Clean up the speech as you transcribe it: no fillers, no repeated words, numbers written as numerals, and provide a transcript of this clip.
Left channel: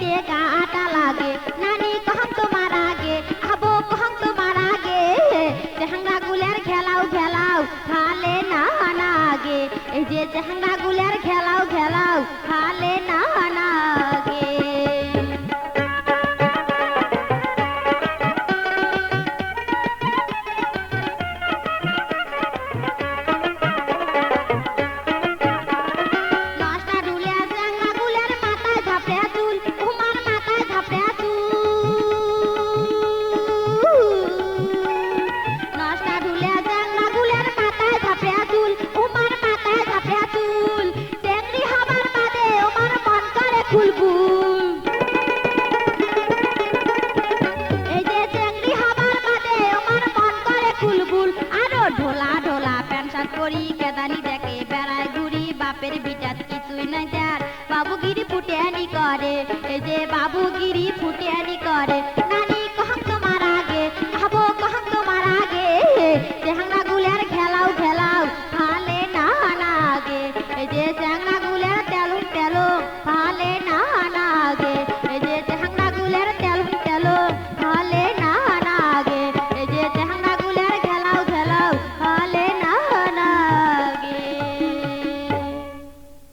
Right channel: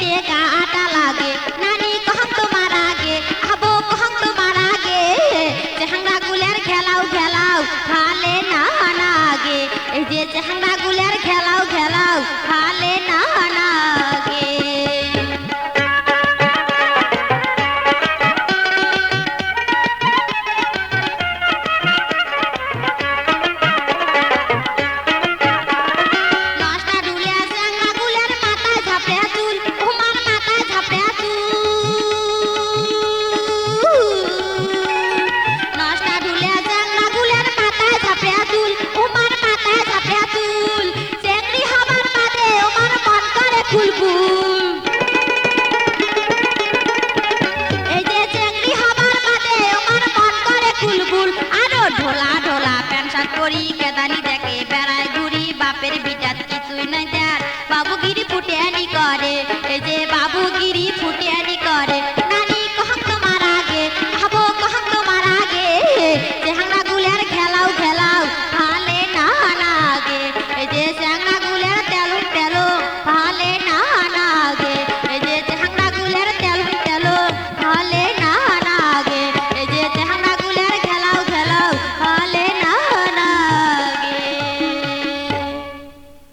তে কাটা লাগে নানি কহং তোমার আগে আবো কহং তোমার আগে চেহাংরা গুলের খেলাও খেলাও খালে না নাগে এই যে চেহাংরা গুলের খেলাও খেলাও খালে না নাগে ঢোলা ঢোলা প্যান্ট শার্ট পরি কেদানি